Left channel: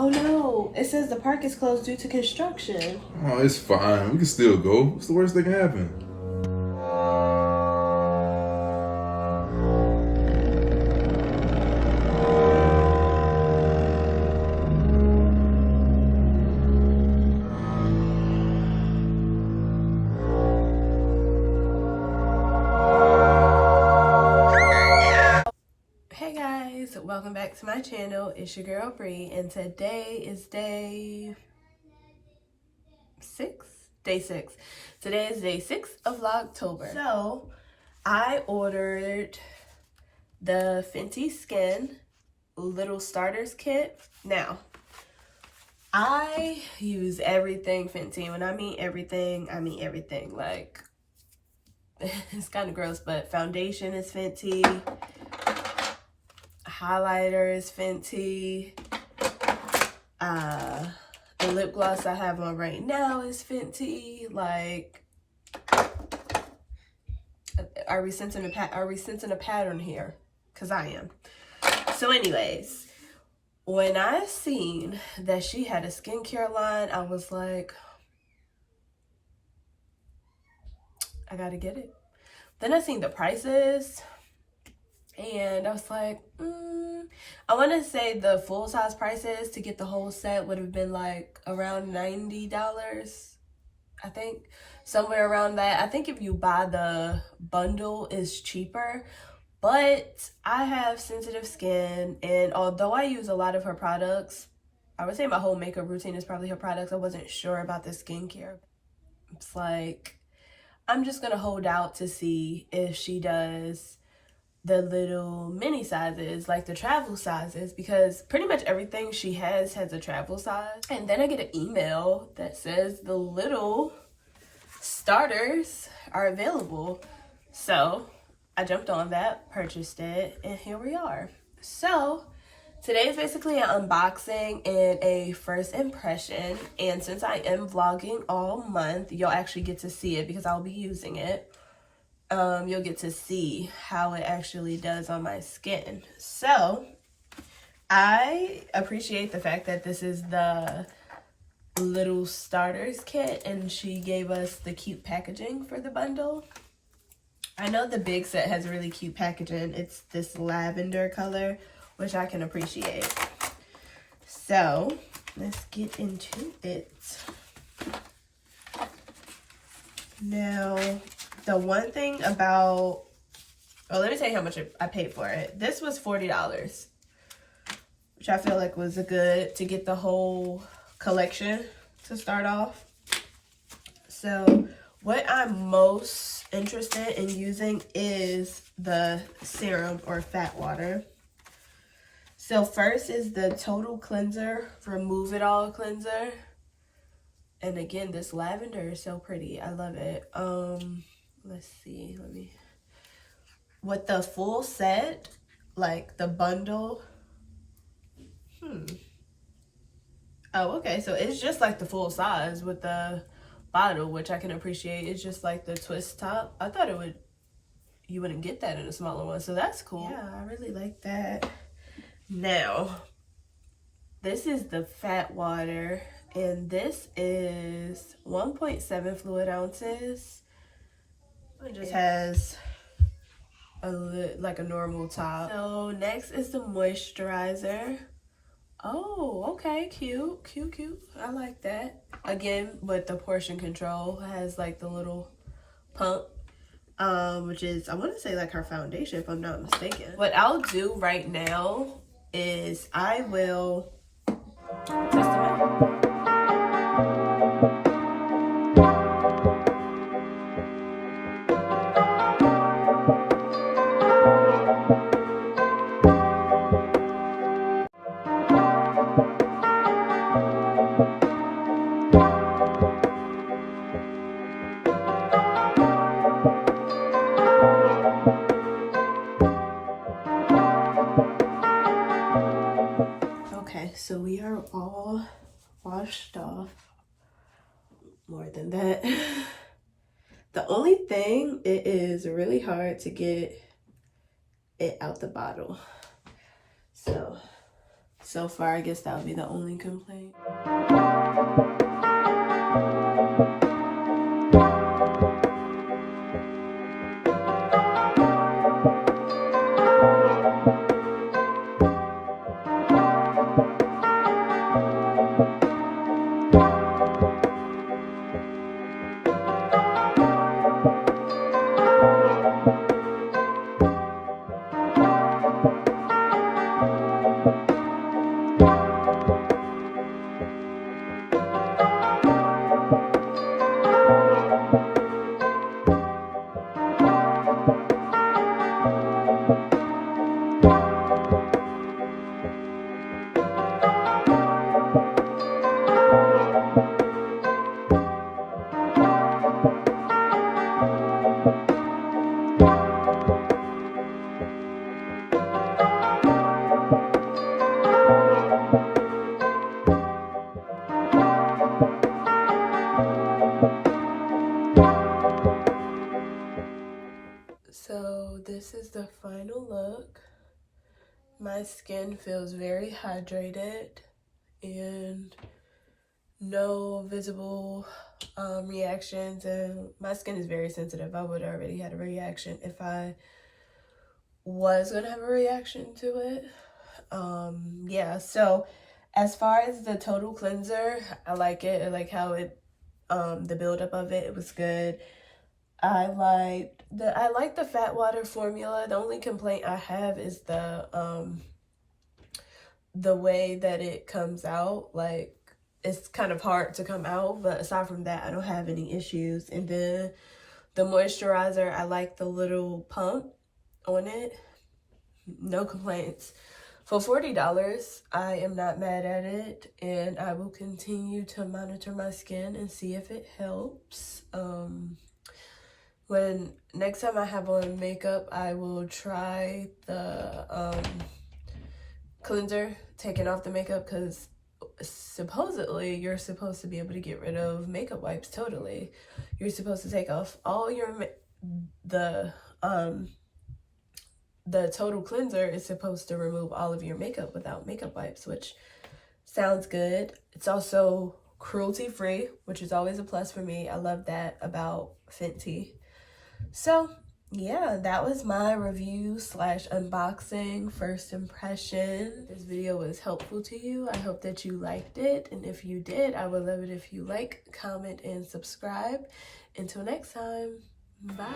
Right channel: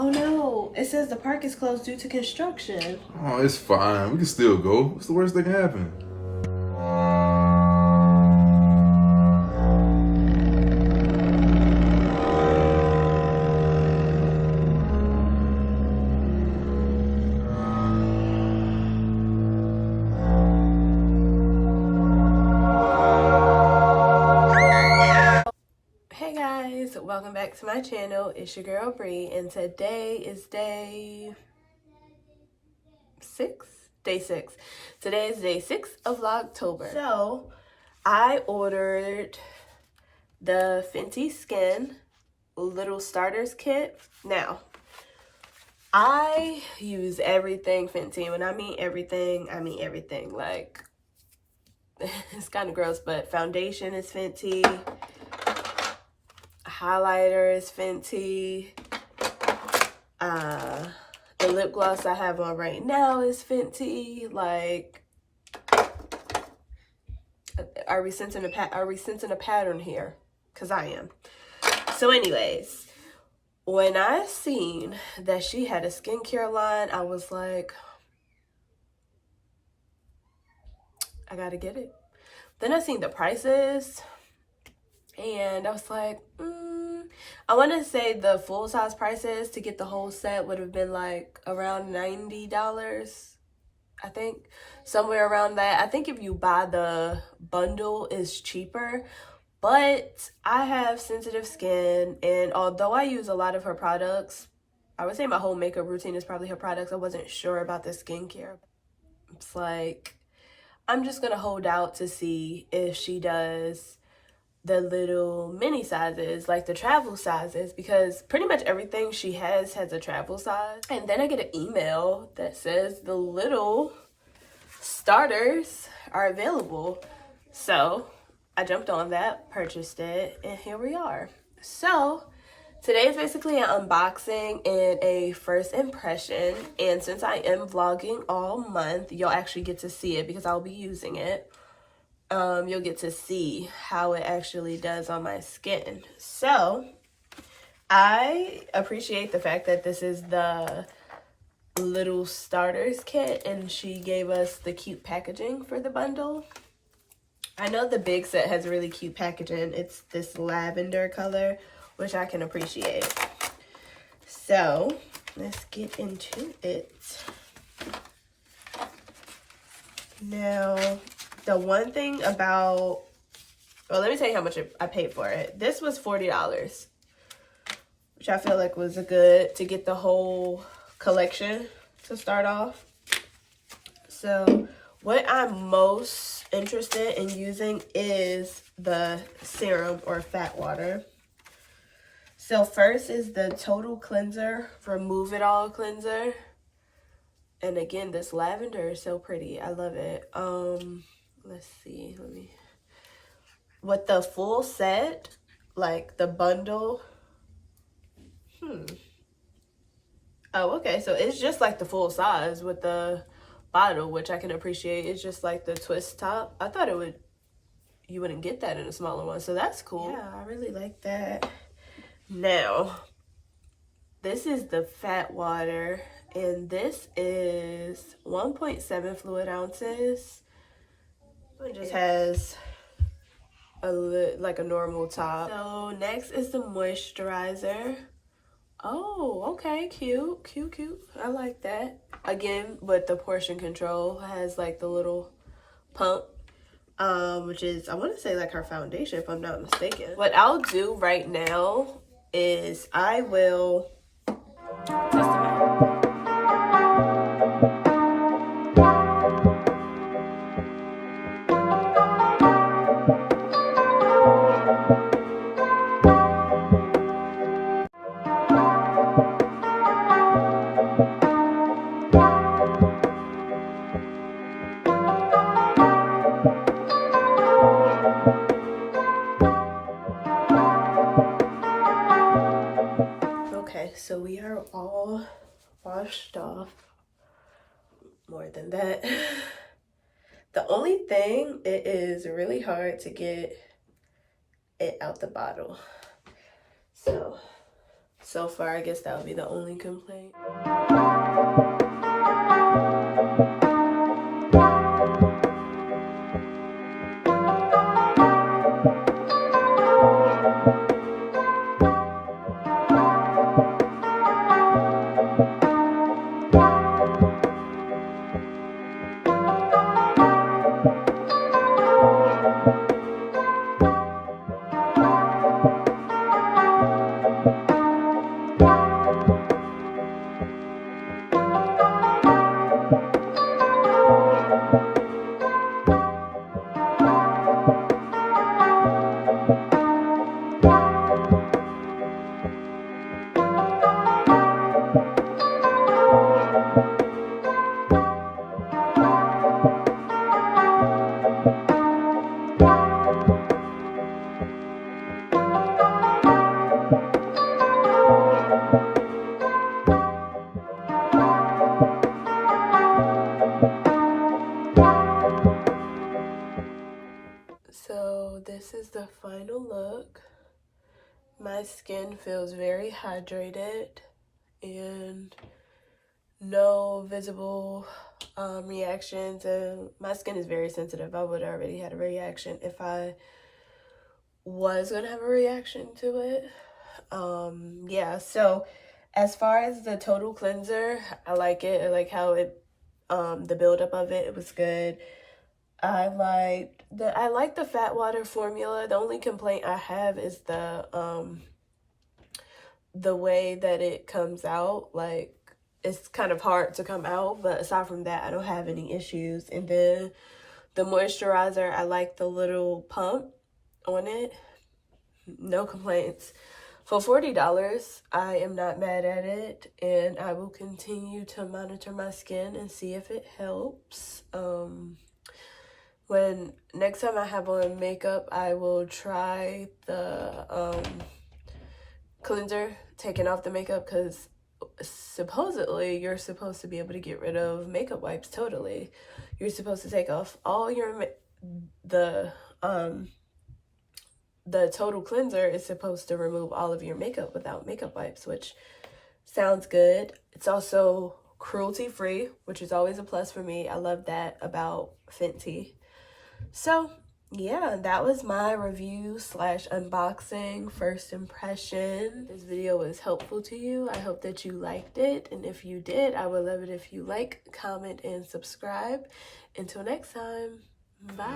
Oh no, it says the park is closed due to construction. Oh, it's fine. We can still go. What's the worst that can happen? Hey guys, welcome back to my channel. It's your girl Bree, and today is day 6. Day 6. Today is day 6 of Vlogtober. So I ordered the Fenty Skin little starters kit. Now I use everything Fenty. When I mean everything, I mean everything. Like, it's kind of gross, but foundation is Fenty, highlighter is Fenty, the lip gloss I have on right now is Fenty. Like, are we sensing a pattern here? Because I am. So anyways, when I seen that she had a skincare line, I was like, I gotta get it. Then I seen the prices, and I was like, I want to say the full size prices to get the whole set would have been like around $90, I think. Somewhere around that. I think if you buy the bundle, it's cheaper. But I have sensitive skin, and although I use a lot of her products, I would say my whole makeup routine is probably her products. I wasn't sure about the skincare. It's like, I'm just going to hold out to see if she does the little mini sizes, like the travel sizes, because pretty much everything she has a travel size. And then I get an email that says the little starters are available. So I jumped on that, purchased it, and here we are. So today is basically an unboxing and a first impression. And since I am vlogging all month, you'll actually get to see it because I'll be using it. You'll get to see how it actually does on my skin. So I appreciate the fact that this is the little starters kit, and she gave us the cute packaging for the bundle. I know the big set has really cute packaging. It's this lavender color, which I can appreciate. So let's get into it. Now, the one thing about, well, let me tell you how much I paid for it. This was $40, which I feel like was a good to get the whole collection to start off. So what I'm most interested in using is the serum or fat water. So first is the Total Cleanser Remove It All cleanser. And again, this lavender is so pretty. I love it. Let's see. With the full set, like the bundle. Oh, okay. So it's just like the full size with the bottle, which I can appreciate. It's just like the twist top. I thought you wouldn't get that in a smaller one. So that's cool. Yeah, I really like that. Now, this is the fat water, and this is 1.7 fluid ounces. It just has like a normal top. So next is the moisturizer. Oh, okay, cute. I like that. Again, with the portion control, has like the little pump, which is, I want to say, like her foundation, if I'm not mistaken. What I'll do right now is I will test them out. Okay, so we are all washed off. More than that. The only thing, it is really hard to get it out the bottle. So so far. I guess that would be the only complaint. So this is the final look. My skin feels very hydrated and no visible reactions, and my skin is very sensitive. I would already had a reaction if I was gonna have a reaction to it. Yeah, so as far as the total cleanser, I like it. I like how it the buildup of it was good. I like the fat water formula. The only complaint I have is the way that it comes out. Like, it's kind of hard to come out, but aside from that, I don't have any issues. And then the moisturizer, I like the little pump on it. No complaints. For $40, I am not mad at it, and I will continue to monitor my skin and see if it helps. When next time I have on makeup, I will try the cleanser, taking off the makeup, because supposedly you're supposed to be able to get rid of makeup wipes totally. You're supposed to take off all your the total cleanser is supposed to remove all of your makeup without makeup wipes, which sounds good. It's also cruelty free, which is always a plus for me. I love that about Fenty. So yeah, that was my review / unboxing first impression. This video was helpful to you. I hope that you liked it, and if you did, I would love it if you like, comment, and subscribe. Until next time, bye.